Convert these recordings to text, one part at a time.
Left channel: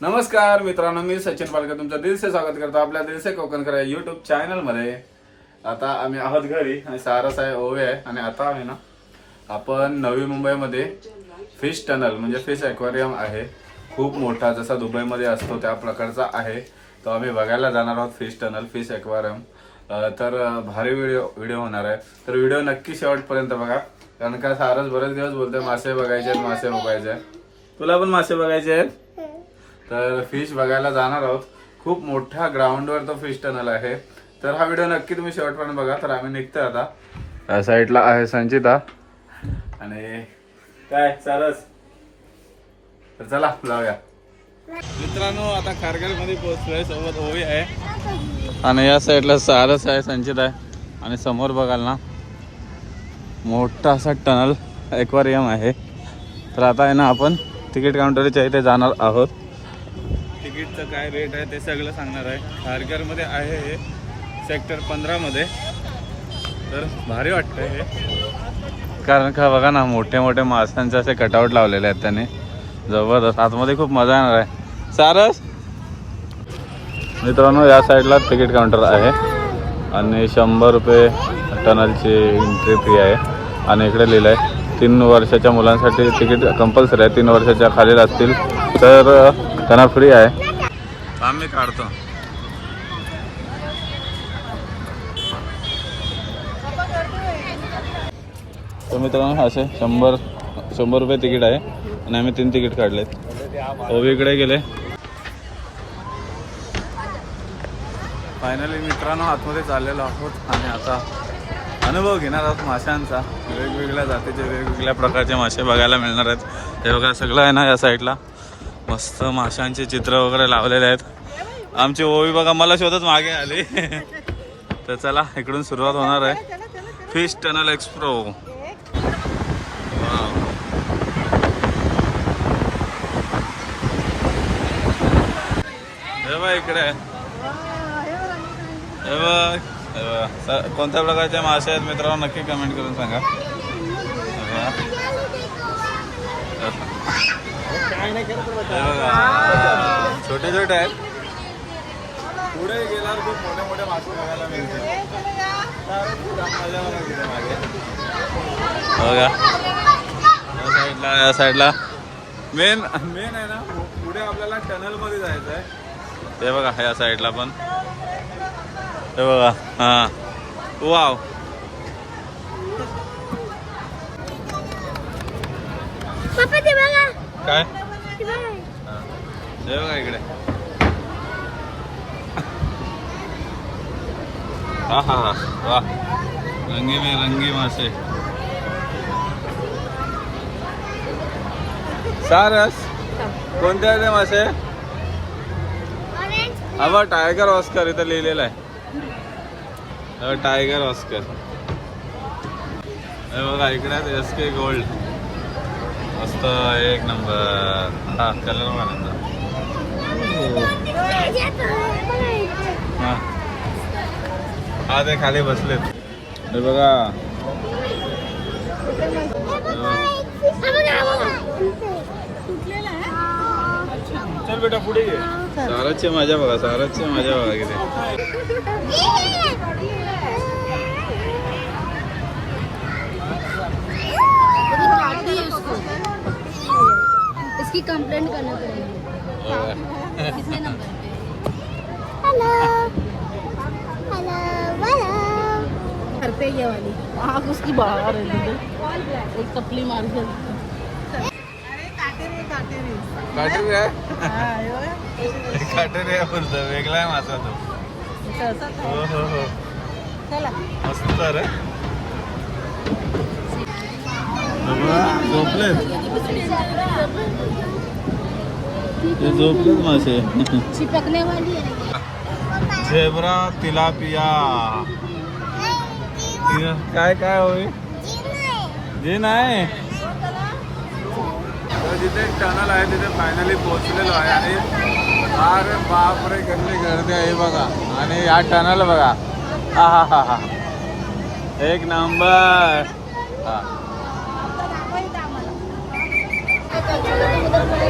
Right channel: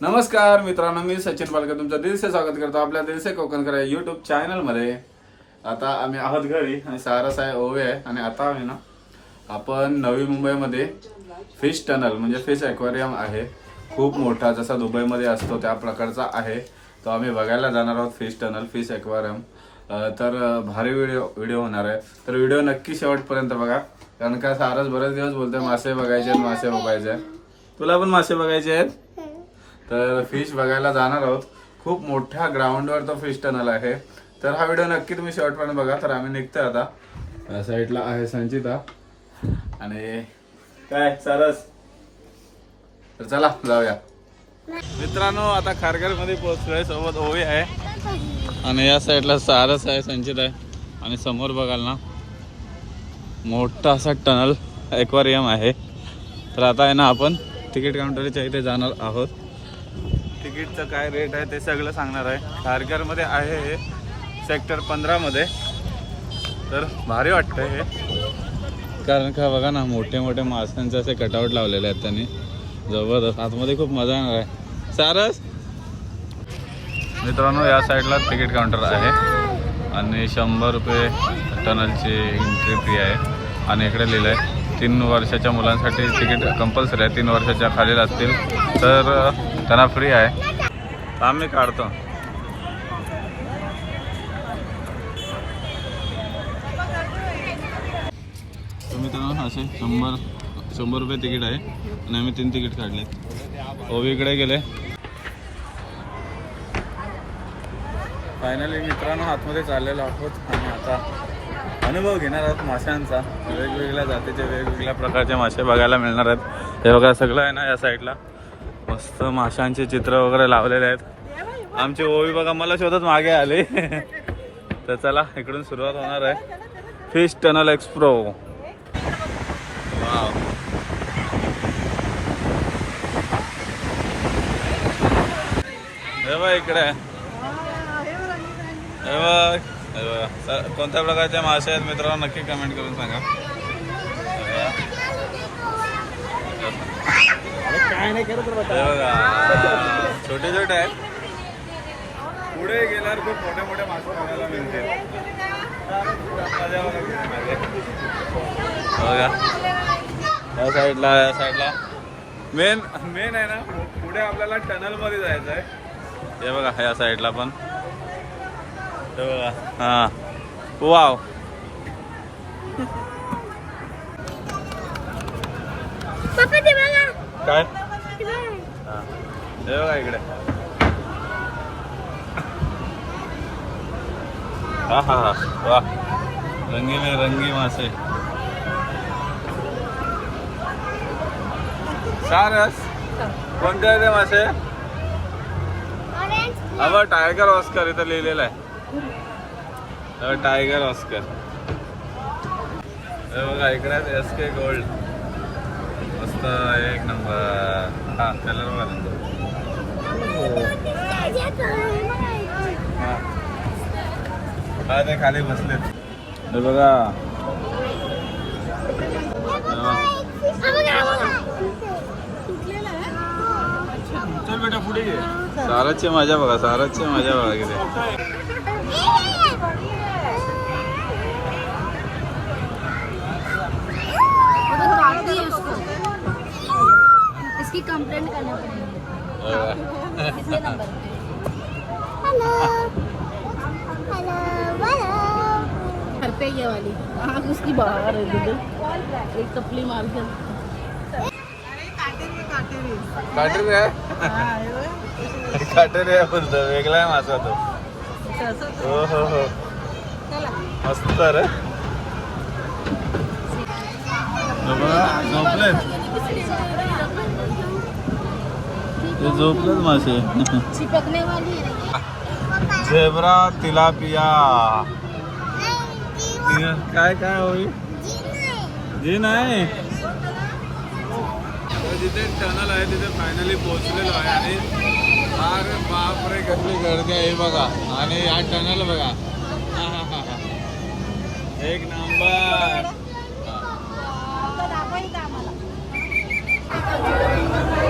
नमस्कार मित्रांनो मी सचिन पालकर तुमचं दिलसे स्वागत करतो आपल्या दिलसे कोकणकर या युट्यूब चॅनलमध्ये आता आम्ही आहोत घरी आणि सारस आहे ओवे आहे आणि आता आम्ही ना आपण नवी मुंबईमध्ये फिश टनल म्हणजे फिश ॲक्वेरियम आहे. खूप मोठा जसा दुबईमध्ये असतो त्या प्रकारचा आहे. तो आम्ही बघायला जाणार आहोत फिश टनल फिश ॲक्वेरियम तर भारी व्हिडिओ व्हिडिओ होणार आहे. तर व्हिडिओ नक्की शेवटपर्यंत बघा कारण का सारस बरेच दिवस बोलतोय मासे बघायचे आहेत मासे बघायचे आहेत. तुला पण मासे बघायचे आहेत? तर फिश बघायला जाणार आहोत. खूप मोठ्या ग्राउंडवर तो फिश टनल आहे. तर हा व्हिडिओ नक्की तुम्ही शेवटपर्यंत बघा. तर आम्ही निघतोय आता. या साईडला आहे संचिता. आणि काय सारस? तर चला जाऊया. मित्रांनो आता खारघरमध्ये पोहोचलोय. सोबत ओवी आहे. आणि या साईडला सारस आहे संचित आहे. आणि समोर बघाल ना मोठा असा टनल एक्वारियम आहे. तर आता आहे ना आपण तिकीट काउंटरच्या इथे जाणार आहोत. तिकीटचं काय रेट आहे ते सगळं सांगणार आहे. खारघरमध्ये आहे हे सेक्टर पंधरामध्ये तर भारी वाटतं हे. कारण का बघा ना मोठे मोठे माशांचे असे कटआउट लावलेले आहेत त्याने. जबरदस्त. आतमध्ये खूप मजा येणार आहे. सारस! मित्रांनो या साईडला तिकीट काउंटर आहे. आणि शंभर रुपये टनलची एंट्री फी आहे. आणि इकडे लिहिलं आहे तीन वर्षाच्या मुलांसाठी तिकीट कंपल्सरी आहे. तीन वर्षाच्या खाली असतील तर त्यांना फ्री आहे. आम्ही काढतो. तर मित्रांनो असे शंभर शंभर रुपये तिकीट आहे. आणि आम्ही तीन तिकीट काढले. ओवीकडे गेले. फायनली मित्रांनो आतमध्ये चाललेलो आहोत. आणि आता अनुभव घेणार आहोत माशांचा. वेगवेगळ्या जातीचे वेगवेगळ्या प्रकारचे मासे बघायला मिळणार आहेत. हे बघा सगळं आहे ना या साईडला मस्त माशांचे चित्र वगैरे लावलेले आहेत. आमची ओवी बघा मला शोधत मागे आली. तर चला इकडून सुरुवात होणार आहे. फिश टनल एक्सप्रो वाव. हे बघ इकडे. हे बघ. कोणत्या प्रकारचे मासे आहेत मित्रांनो? नक्की कमेंट करून सांगा. हे बघा. छोटे छोटे आहेत. पुढे गेल्यावर खूप मोठे मोठे मासे बघायला मिळतील. मजा बघा. किती माझे बघा या साईडला या साईडला. मेन मेन आहे ना पुढे आपल्याला टनलमध्ये जायचं आहे. हे बघा या साईडला पण. हे बघा हा. वाव पप्पा ते बघा. काय? हा. हे बघा इकडे. हा हा हा वा रंगी में रंगी मासे. सारस कोणते आहे ते मासे? बघ टायगर ऑस्कर इथं लिहिलेलं आहे. टायगर ऑस्कर बघा इकडे एस के गोल्ड मस्त एक नंबर हा कलर नंबर हा खाली बसलेत हे। बघा। चल बेटा पुढे घे। सारसची मज़ा बघा सारसची मज़ा बघा किती इसकी कंप्लेंट करना पड़ेगी। हेलो पे ये वाली आँख उसकी बाहर है दीदी एक टपली मार के काटेरी आहे काटेरी. आहे? बोलतो वेगळा आहे माझा तो. हो हो हो. मस्त रे. झोपले ते झोपलेच मासे. चिपकने वाली है झेब्रा तिलापिया. काय काय होई जे नाही जिथे टनल आहे तिथे फायनली पोहोचलेलो आहे आणि अरे बापरे कसली गर्दी आहे बघा. आणि या टनल बघा. हा हा हा हा. एक नंबर हा.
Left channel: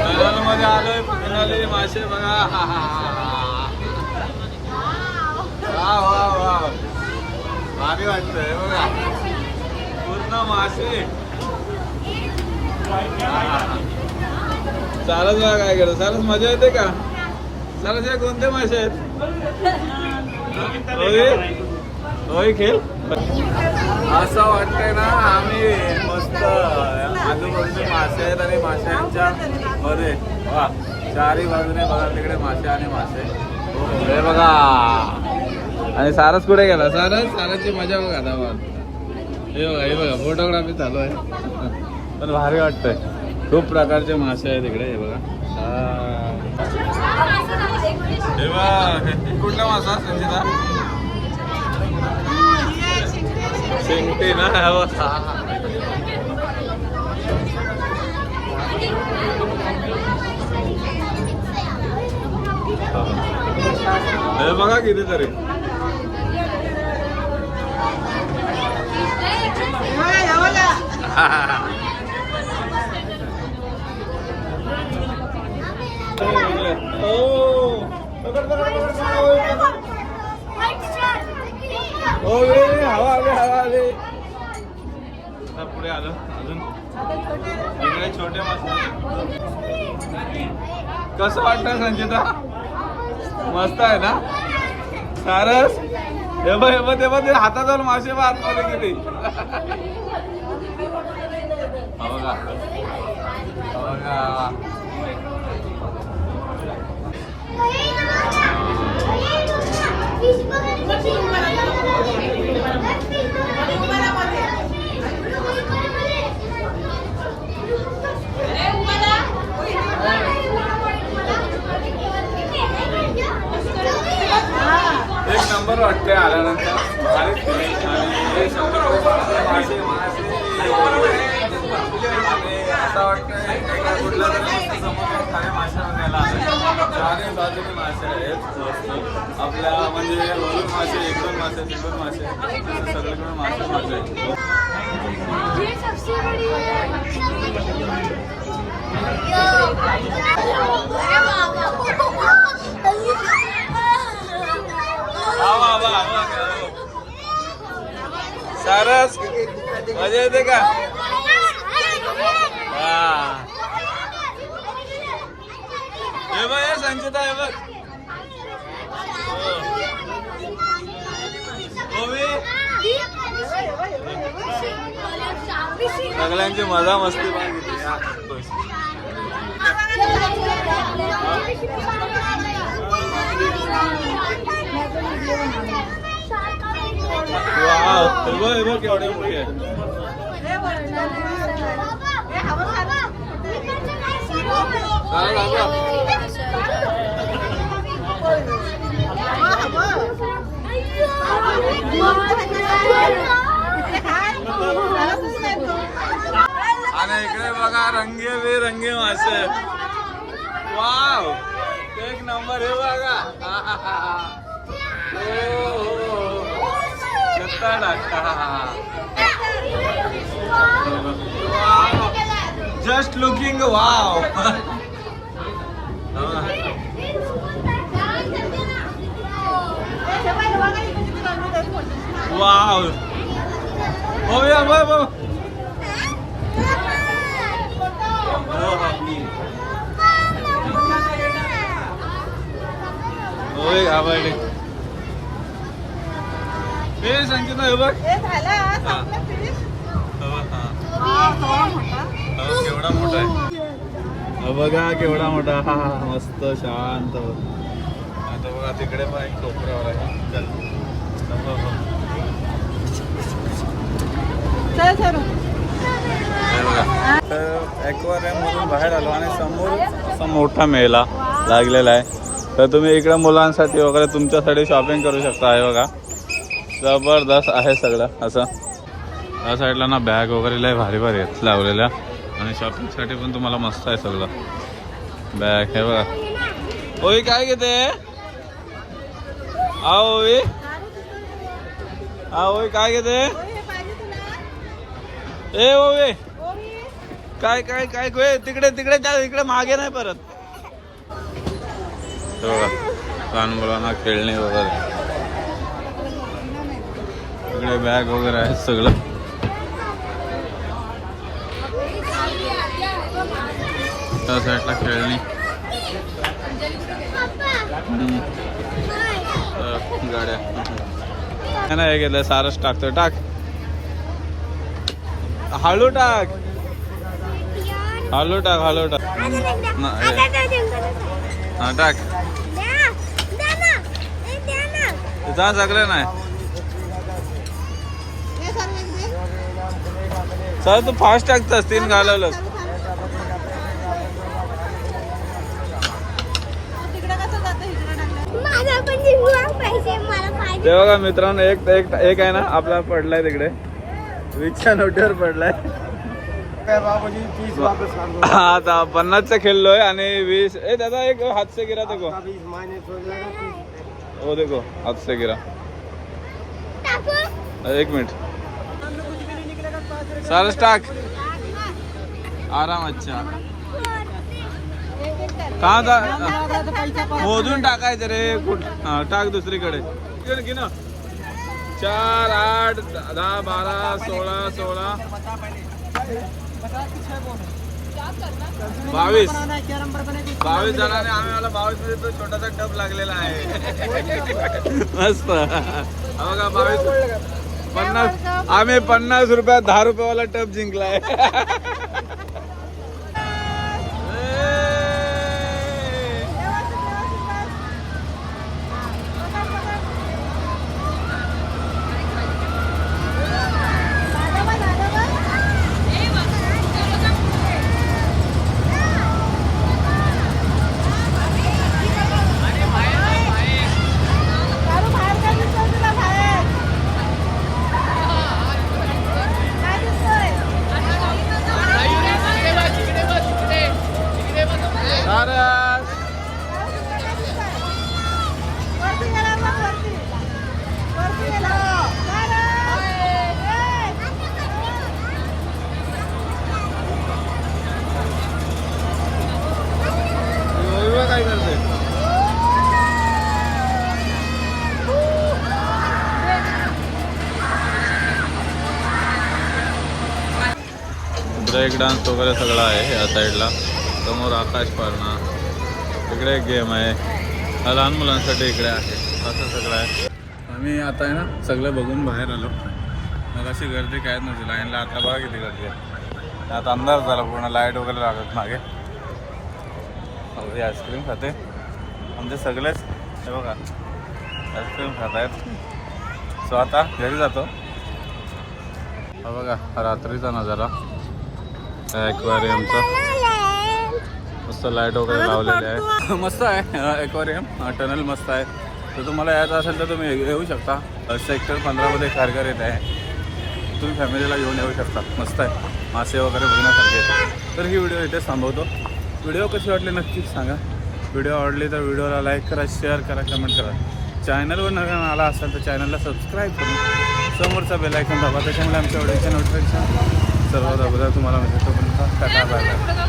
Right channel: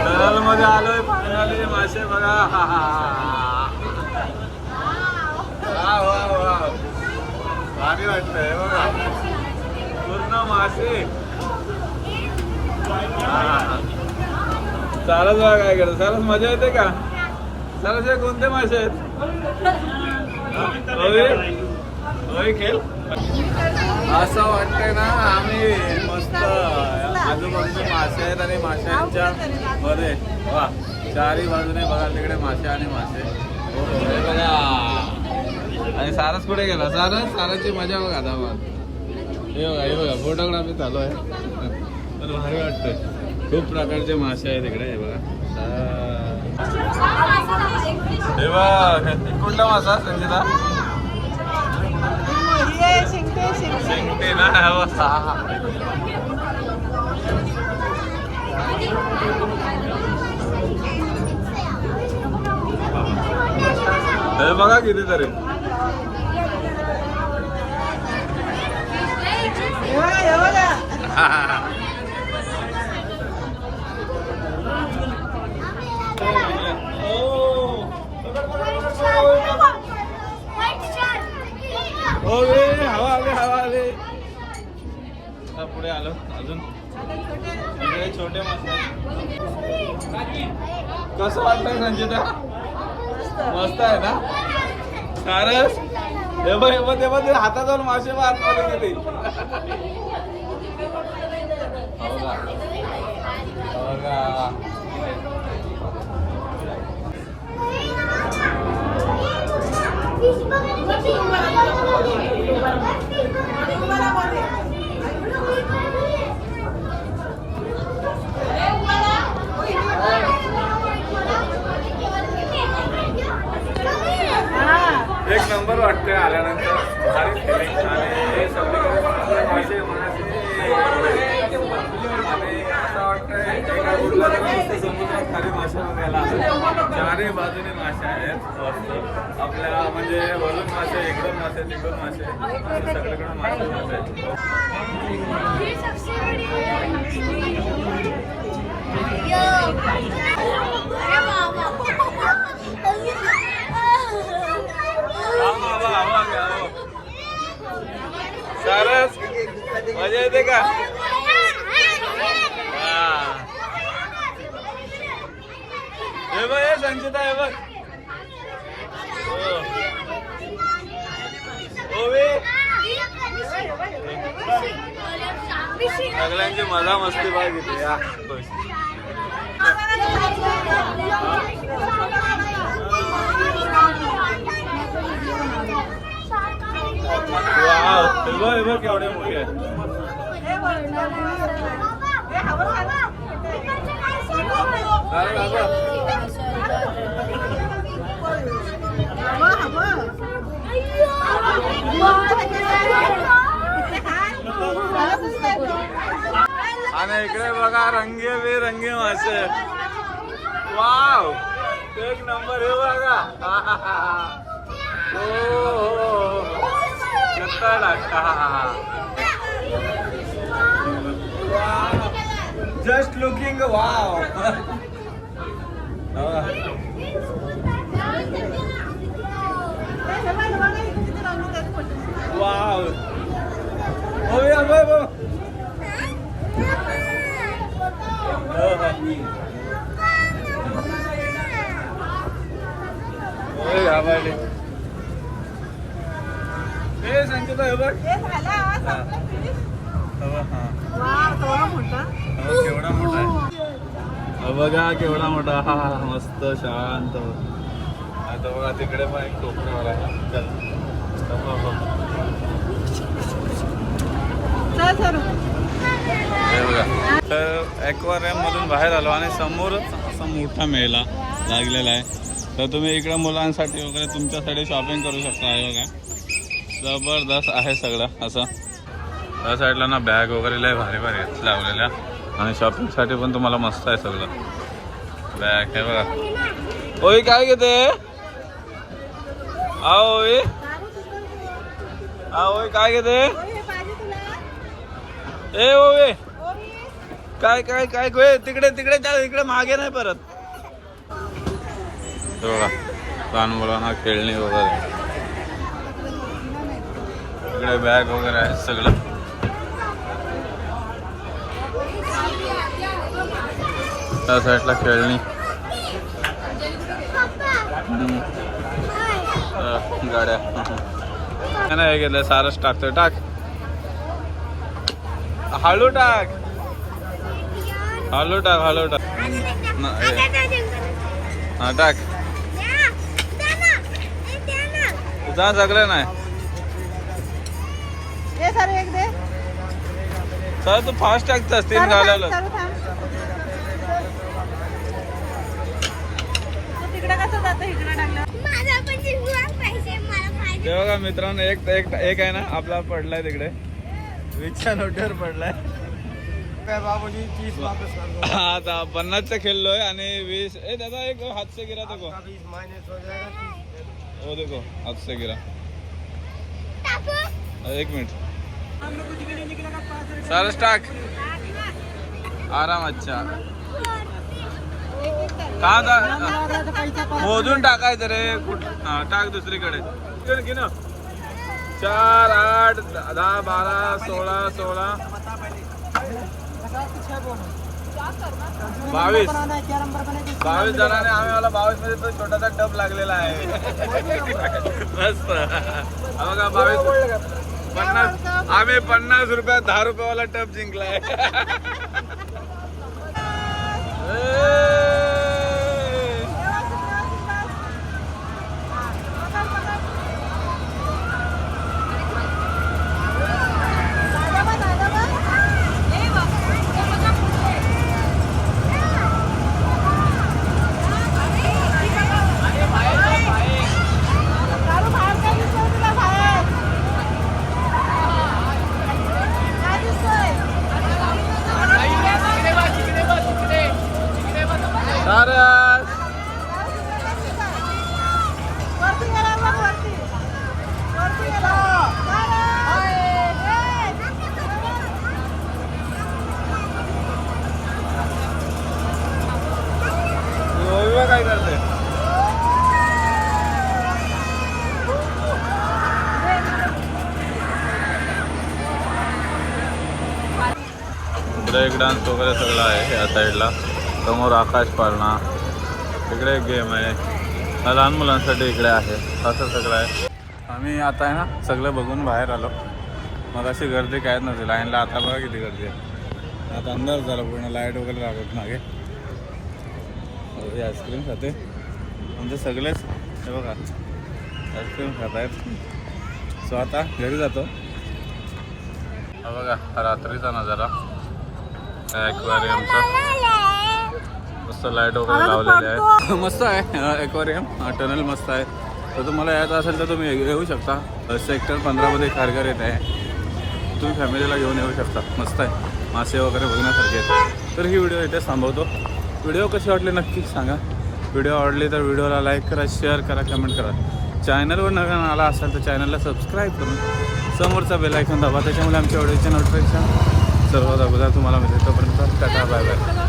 टनलमध्ये आलोय फायनली मासे बघा. हा, हा, हा. वा वा वा भारी वाटतंय बघा. पूर्ण मासे. हा, हा, चालच बघा काय केलं. चालच मजा येते का? चालच हे कोणते मासे आहेत? रोहित? रोहित खेळ? असं वाटतंय ना आम्ही मस्त आजूबाजूने मासे आहेत आणि माशांच्या मध्ये. वा चारी बाजूने बघा तिकडे मासे आणि मासे. हे बघा. आणि सारस कुठे गेला? सारस? सारसची मजा बघा आता मग हे बघा हे बघा फोटोग्राफी चालू आहे. पण भारी वाटतंय. खूप प्रकारचे मासे आहेत इकडे हे बघा. हे बघ कुठला मासा संजिता शेंगटे ना हे बघा कितीतरी. तरी हवा आली हवा आली पुढे आलो अजून छोटे कसं वाटतं संचिता मस्त आहे ना? सारस? हे बघ हे बघ हे बघ ते हातात जाऊन मासे बघ आतमध्ये गेले हो का? नंबर वाटतंय आल्यानंतर आणि हे मासे मासे आणि असं वाटतंय कुठल्या खाली मासे चारही बाजूने मासे आहेत मस्त आपल्या म्हणजे वरून मासे इकडून मासे तिकडून मासे सगळीकडून मासे मासे आहेत सारस. मजा येते का? हा. हे बघ हे संचिता हे बघ. सगळ्यांची मजा मस्ती बघ किती या बस. वाव हे बघ बघ केवढे मोठे आहे आणि इकडे बघा रंगे बेरंगी मासे. वाव! एक नंबर हे बघा. हो हो. लुकिंग वाव वाव हो या बघ बघ हो हो होय घामायले संचिता हे बघ. हा हो, केवढा मोठा आहे. हा बघा केवढा मोठा. हा हा मस्त शांत. आता बघा तिकडे पण एक कोपऱ्यावर आहे बघा. तर ॲक्वारियम मधून बाहेर आलो आणि समोर असा मोठा मेला लागलेला आहे. तर तुम्ही इकडे मुलांसाठी वगैरे तुमच्यासाठी शॉपिंग करू शकता आहे बघा. जबरदस्त आहे सगळं असं. त्या साईडला ना बॅग वगैरे लय भारी भारी आहेत लावलेल्या. आणि शॉपिंगसाठी पण तुम्हाला मस्त आहे सगळं. बॅग हे बघा. ओई काय घेते आओ ओई. ओई काय घेते ए ओवे काय काय काय गोय तिकडे तिकडे जा इकडे मागे नाही परत. बघा. लहान मुलांना खेळणे वगैरे. इकडे बॅग वगैरे आहे सगळं. त्या साईडला खेळणी. गाड्या. नाही हे गेलं. सारच टाकतोय टाक. हळू टाक. हळू टाक हळू टाक. हे. हा टाक. तुझा सगळं नाही हे सर एक दे सर तू फास्ट टाकतस तीन घालवलं चालू थांब. तू तिकडे कसं जातं इकडे टाकलं माझा पण जिंकला पाहिजे मला पाहिजे ते बघा मित्रांनो एक एक एक आहे ना आपला पडलाय तिकडे. वीसच्या नोटीवर पडलाय. आता पन्नासचा खेळलोय आणि वीस ए दादा एक हात से गिरा देखो हो देखो हात से गिरा. एक मिनिट. सरस टाक. आराम अच्छा. कहा था मोजून टाकायचं रे कुठ टाक दुसरीकडे. चार आठ दहा बारा सोळा सोळा. बावीस. बावीस जणांनी आम्ही मला बावीसमध्ये तो छोटासा टप लागलेला आहे. मस्त. बघा बावीस पन्नास आम्ही पन्नास रुपयात दहा रुपयावाला टप जिंकलाय चालू बाहेर काय दिसतंय तुला बाहेर काय दिसतंय सारस वरती गेला बघ, वरती वरती गेला वैभव काय करते ब्रेक डान्स वगैरे सगळं आहे या साईडला समोर आकाश पाळणा तिकडे एक गेम आहे. हा लहान मुलांसाठी इकडे आहे. असं सगळं आहे. आम्ही आता आहे ना सगळं बघून बाहेर आलो. मग अशी गर्दी कायच नव्हती. लाईनला आता बघा किती गर्दी आहे. आता अंधार झाला पूर्ण. लाइट वगैरे लागत मागे. आईस्क्रीम खाते. आमचे सगळेच हे बघा. आईस्क्रीम खात आहेत सो आता घरी जातो. हा बघा रात्रीचा नजारा. ॲक्वेरियमचा मस्त लाइट वगैरे लावलेले आहे. मस्त आहे ॲक्वेरियम टनल मस्त आहे. तर तुम्हाला यायचं असेल तर तुम्ही येऊ शकता. सेक्टर पंधरामध्ये कारगर येत आहे. तुम्ही फॅमिलीला घेऊन येऊ शकता. मस्त आहे. मासे वगैरे बघण्यासारखे आहेत. तर ही व्हिडिओ इथे थांबवतो. व्हिडिओ कशी वाटली नक्की सांगा. व्हिडिओ आवडली तर व्हिडिओला लाईक करा शेअर करा कमेंट करा. चॅनलवर नवीन आला असाल तर चॅनलला सबस्क्राईब करून समोरचा बेल ऐकून दाबा. त्याच्यामुळे आमच्या व्हिडिओचे नोटिफिकेशन सर्वात अगोदर तुम्हाला मिळते तोपर्यंत टाटा बाय बाय.